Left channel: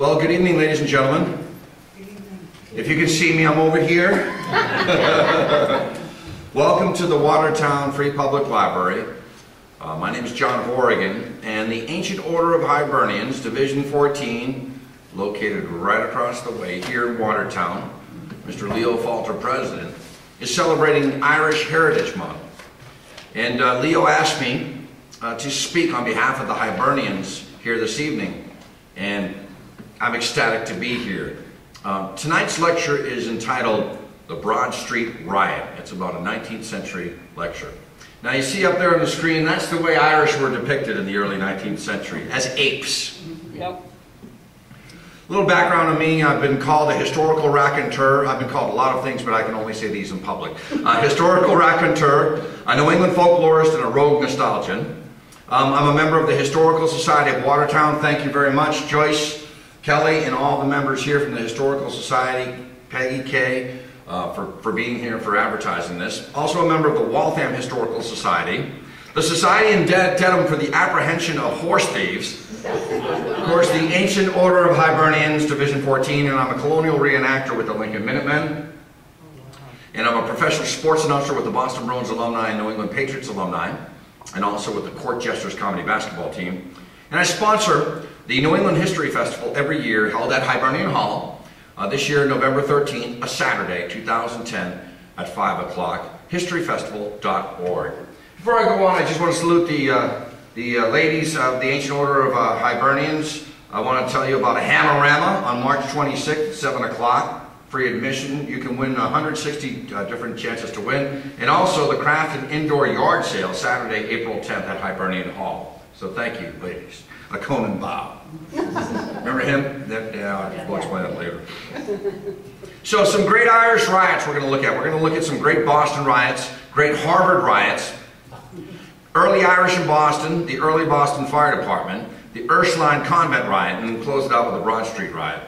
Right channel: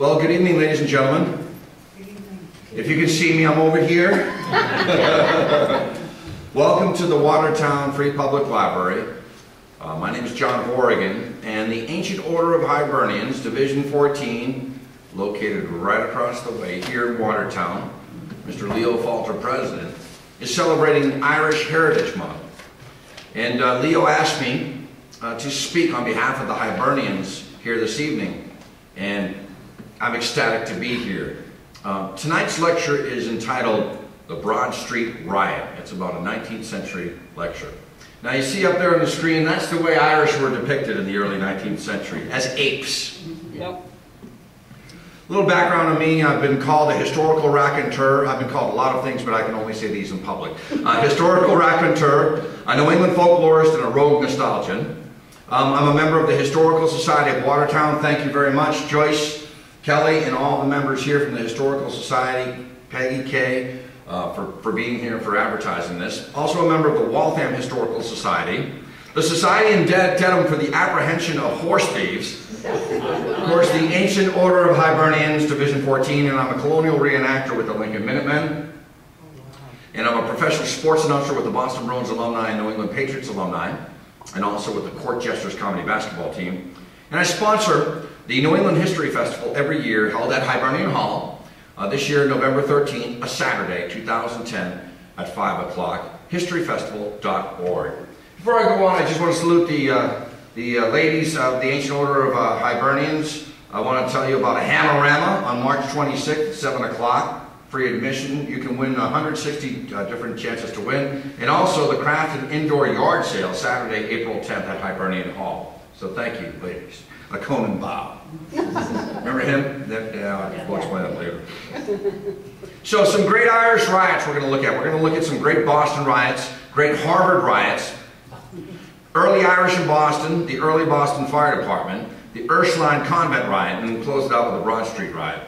Well, good evening, ladies and gentlemen. Good evening. If you can see me, I'm over here. Welcome to the Watertown Free Public Library. My name is John of Oregon, and the Ancient Order of Hibernians, Division 14, located right across the way here in Watertown, Mr. Leo Falter, President, is celebrating Irish Heritage Month. And Leo asked me to speak on behalf of the Hibernians here this evening, and I'm ecstatic to be here. Tonight's lecture is entitled The Broad Street Riot. It's about a 19th century lecture. Now you see up there on the screen, that's the way Irish were depicted in the early 19th century, as apes. Yep. A little background on me: I've been called a historical raconteur. I've been called a lot of things, but I can only say these in public. Historical raconteur, a New England folklorist, and a rogue nostalgian. I'm a member of the Historical Society of Watertown. Thank you very much, Joyce, Kelly, and all the members here from the Historical Society, Peggy, Kay, for being here, for advertising this. Also a member of the Waltham Historical Society, the Society in Dedham for the Apprehension of Horse Thieves, of course the Ancient Order of Hibernians, Division 14, and I'm a colonial reenactor with the Lincoln Minutemen, and I'm a professional sports announcer with the Boston Bruins alumni and New England Patriots alumni, and also with the Court Jesters Comedy Basketball Team. And I sponsor the New England History Festival every year, held at Hibernian Hall, this year, November 13th, a Saturday, 2010, at 5 o'clock, historyfestival.org. Before I go on, I just want to salute the ladies of the Ancient Order of Hibernians. I want to tell you about a Hammerama on March 26th, 7 o'clock, free admission. You can win 160 different chances to win. And also the Craft and Indoor Yard Sale, Saturday, April 10th at Hibernian Hall. So thank you, ladies. A Conan Bow. Remember him? Yeah, I'll explain that later. So some great Irish riots we're going to look at. We're going to look at some great Boston riots, great Harvard riots, early Irish in Boston, the early Boston Fire Department, the Earthline Convent riot, and then close it out with the Broad Street riot.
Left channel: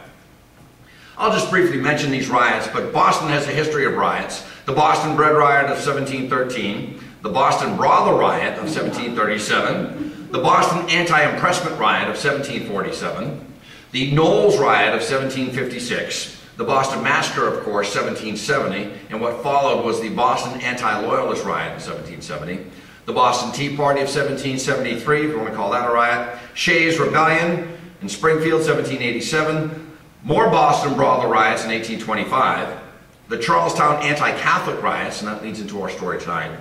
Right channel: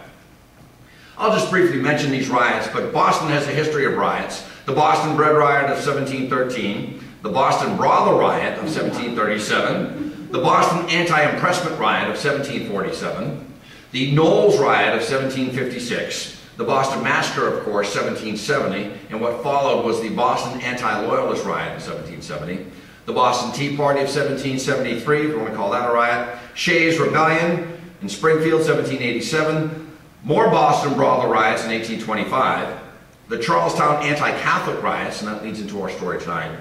I'll just briefly mention these riots, but Boston has a history of riots. The Boston Bread Riot of 1713, the Boston Brothel Riot of 1737, the Boston Anti-Impressment Riot of 1747, the Knowles Riot of 1756, the Boston Massacre, of course, 1770, and what followed was the Boston Anti-Loyalist Riot of 1770, the Boston Tea Party of 1773, if you want to call that a riot, Shays' Rebellion in Springfield, 1787, more Boston Brothel riots in 1825, the Charlestown Anti-Catholic riots, and that leads into our story tonight,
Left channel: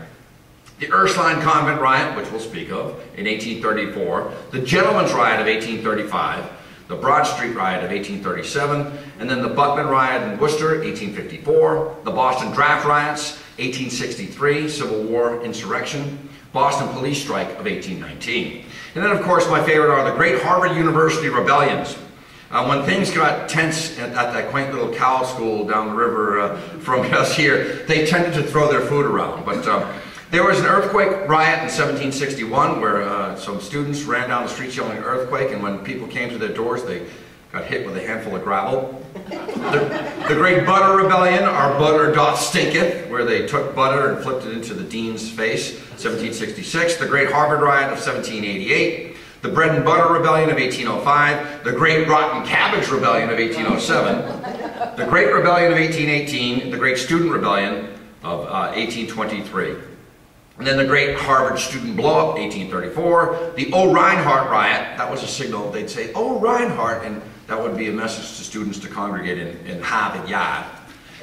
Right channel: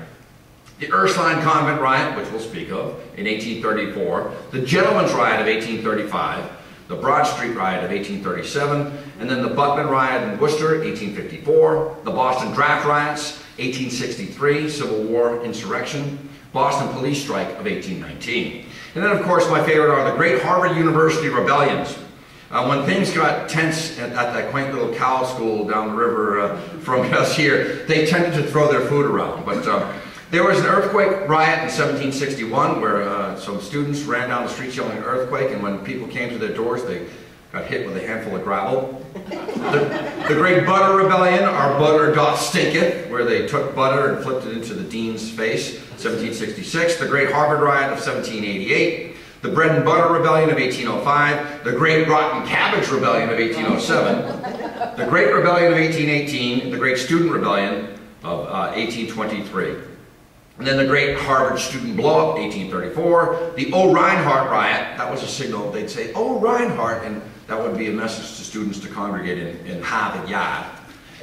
the Earthline Convent riot, which we'll speak of, in 1834, the Gentlemen's Riot of 1835, the Broad Street Riot of 1837, and then the Buckman Riot in Worcester, 1854, the Boston Draft Riots, 1863, Civil War insurrection, Boston Police Strike of 1819. And then, of course, my favorite are the great Harvard University rebellions. When things got tense at that quaint little cow school down the river from us here, they tended to throw their food around. But there was an earthquake riot in 1761 where some students ran down the streets yelling earthquake, and when people came to their doors, they got hit with a handful of gravel. The Great Butter Rebellion, Our Butter Doth Stinketh, where they took butter and flipped it into the dean's face, 1766. The Great Harvard Riot of 1788. The Bread and Butter Rebellion of 1805, the Great Rotten Cabbage Rebellion of 1807, the Great Rebellion of 1818, the Great Student Rebellion of 1823. And then the Great Harvard Student Blow-Up, 1834, the Oh Reinhardt Riot, that was a signal, they'd say, Oh Reinhardt, and that would be a message to students to congregate in Harvard Yard.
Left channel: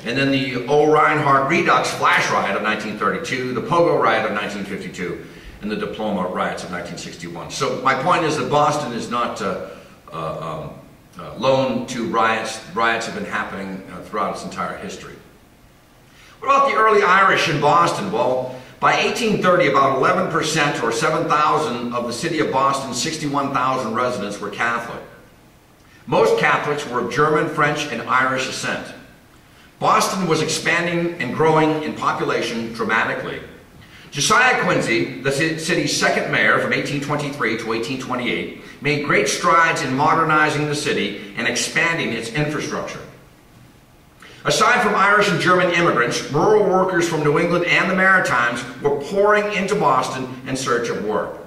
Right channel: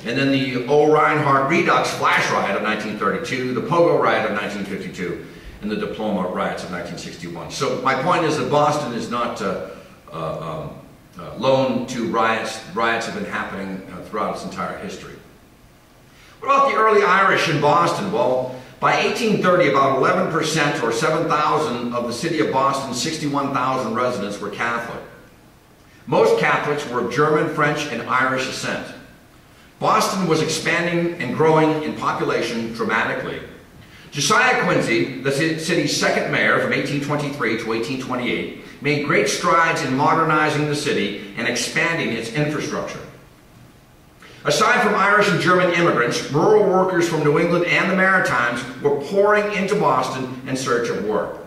And then the Oh Reinhardt Redux Flash Riot of 1932, the Pogo Riot of 1952, and the Diploma Riots of 1961. So my point is that Boston is not lone to riots. Riots have been happening throughout its entire history. What about the early Irish in Boston? Well, by 1830, about 11%, or 7,000, of the city of Boston's 61,000 residents were Catholic. Most Catholics were of German, French, and Irish descent. Boston was expanding and growing in population dramatically. Josiah Quincy, the city's second mayor from 1823 to 1828, made great strides in modernizing the city and expanding its infrastructure. Aside from Irish and German immigrants, rural workers from New England and the Maritimes were pouring into Boston in search of work.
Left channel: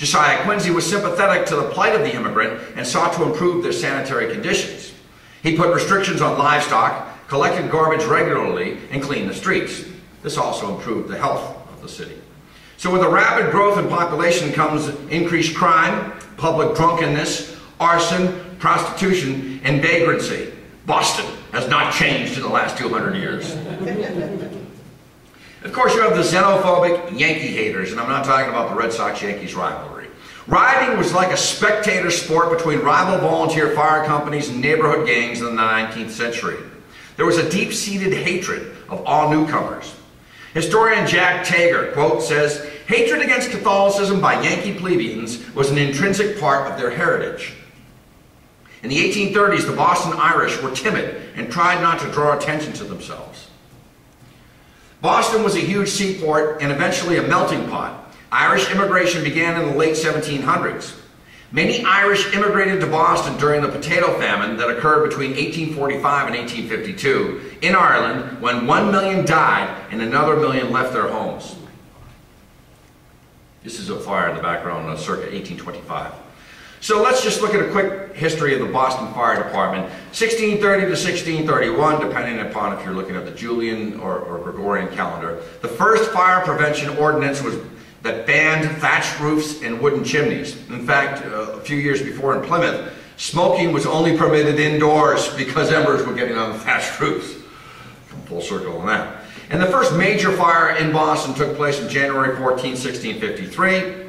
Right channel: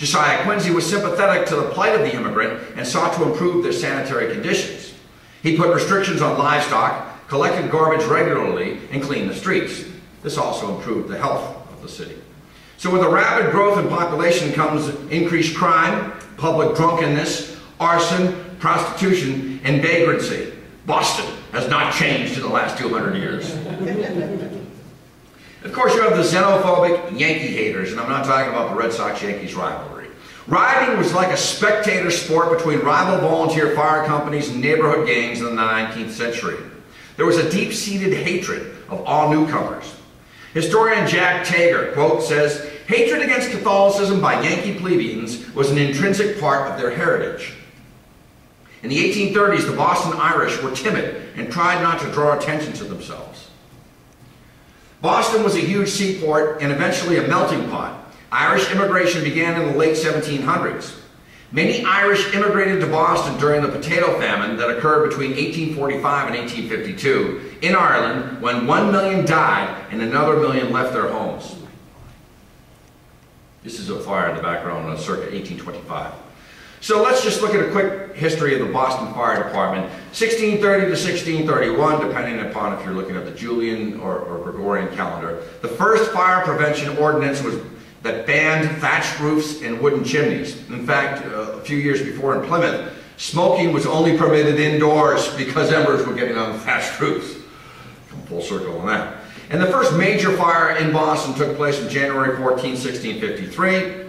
Josiah Quincy was sympathetic to the plight of the immigrant and sought to improve their sanitary conditions. He put restrictions on livestock, collected garbage regularly, and cleaned the streets. This also improved the health of the city. So with a rapid growth in population comes increased crime, public drunkenness, arson, prostitution, and vagrancy. Boston has not changed in the last 200 years. Of course, you have the xenophobic Yankee haters, and I'm not talking about the Red Sox-Yankees rivalry. Rioting was like a spectator sport between rival volunteer fire companies and neighborhood gangs in the 19th century. There was a deep-seated hatred of all newcomers. Historian Jack Tager, quote, says, "Hatred against Catholicism by Yankee plebeians was an intrinsic part of their heritage." In the 1830s, the Boston Irish were timid and tried not to draw attention to themselves. Boston was a huge seaport and eventually a melting pot. Irish immigration began in the late 1700s. Many Irish immigrated to Boston during the potato famine that occurred between 1845 and 1852 in Ireland, when 1 million died and another million left their homes. This is a fire in the background, circa 1825. So let's just look at a quick history of the Boston Fire Department, 1630 to 1631, depending upon if you're looking at the Julian or Gregorian calendar. The first fire prevention ordinance was that banned thatched roofs and wooden chimneys. In fact, a few years before in Plymouth, smoking was only permitted indoors because embers were getting on the thatched roofs. Come full circle on that. And the first major fire in Boston took place on January 14, 1653.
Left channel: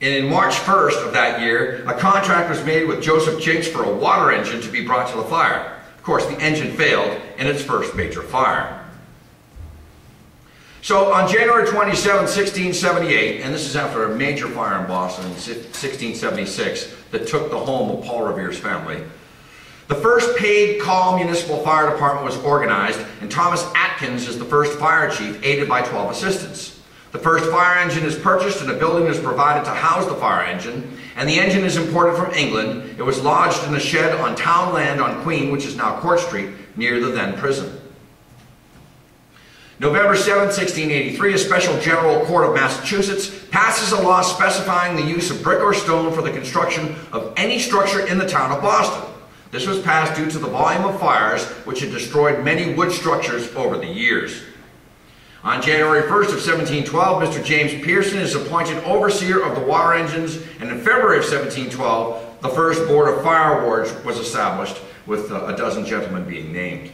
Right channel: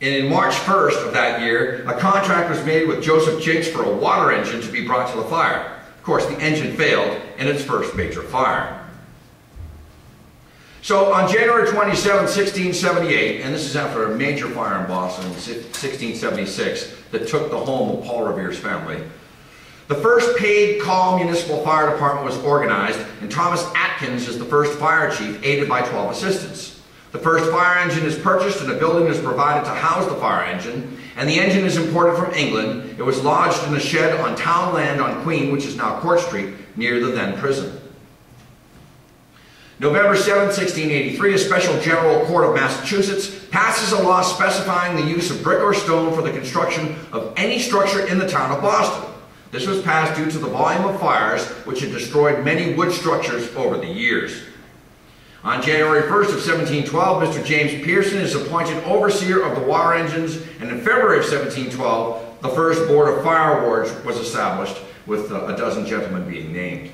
And in March 1st of that year, a contract was made with Joseph Jinks for a water engine to be brought to the fire. Of course, the engine failed in its first major fire. So on January 27, 1678, and this is after a major fire in Boston in 1676 that took the home of Paul Revere's family, the first paid call municipal fire department was organized, and Thomas Atkins is the first fire chief, aided by 12 assistants. The first fire engine is purchased and a building is provided to house the fire engine, and the engine is imported from England. It was lodged in a shed on town land on Queen, which is now Court Street, near the then prison. November 7, 1683, a special general court of Massachusetts passes a law specifying the use of brick or stone for the construction of any structure in the town of Boston. This was passed due to the volume of fires which had destroyed many wood structures over the years. On January 1st of 1712, Mr. James Pearson is appointed overseer of the water engines, and in February of 1712, the first board of fire wards was established, with a dozen gentlemen being named.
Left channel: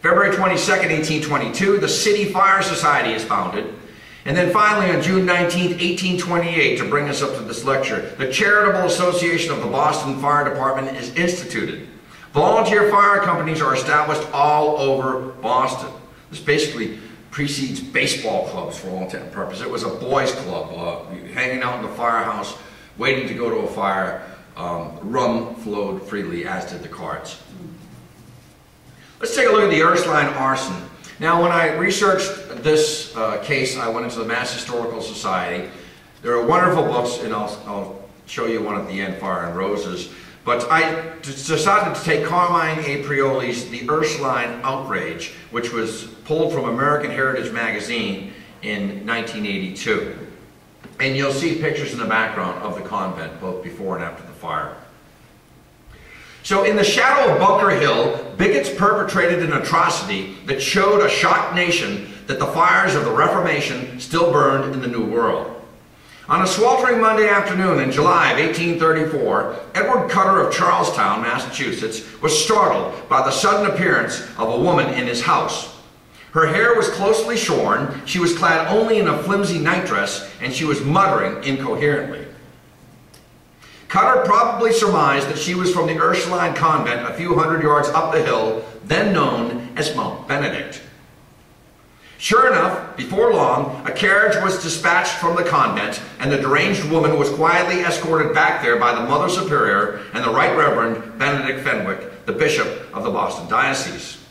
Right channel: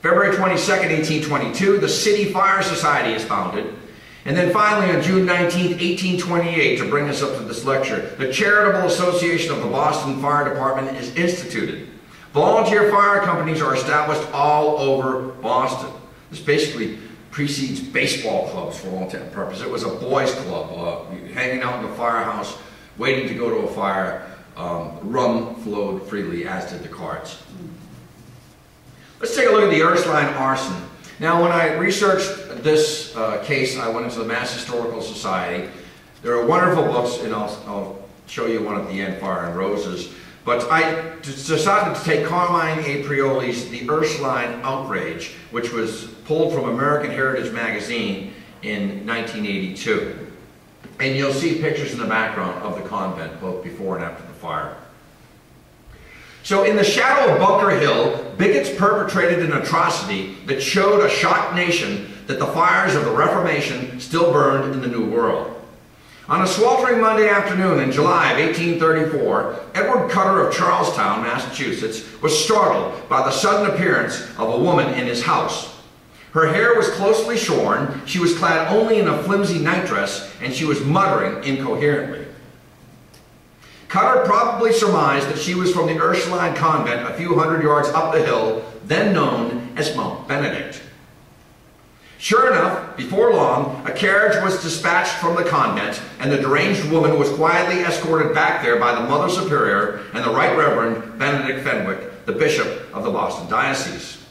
February 22nd, 1822, the City Fire Society is founded. And then finally, on June 19th, 1828, to bring us up to this lecture, the Charitable Association of the Boston Fire Department is instituted. Volunteer fire companies are established all over Boston. This basically precedes baseball clubs for all intent and purposes. It was a boys' club, hanging out in the firehouse, waiting to go to a fire. Rum flowed freely, as did the cards. Let's take a look at the Earthline arson. Now, when I researched this case, I went into the Mass Historical Society. There are wonderful books, and I'll show you one at the end, Fire and Roses. But I decided to take Carmine A. Prioli's The Earthline Outrage, which was pulled from American Heritage Magazine in 1982. And you'll see pictures in the background of the convent, both before and after the fire. So in the shadow of Bunker Hill, bigots perpetrated an atrocity that showed a shocked nation that the fires of the Reformation still burned in the New World. On a sweltering Monday afternoon in July of 1834, Edward Cutter of Charlestown, Massachusetts, was startled by the sudden appearance of a woman in his house. Her hair was closely shorn, she was clad only in a flimsy nightdress, and she was muttering incoherently. Cutter probably surmised that she was from the Ursuline convent a few hundred yards up the hill, then known as Mount Benedict. Sure enough, before long, a carriage was dispatched from the convent, and the deranged woman was quietly escorted back there by the Mother Superior and the Right Reverend Benedict Fenwick, the Bishop of the Boston Diocese.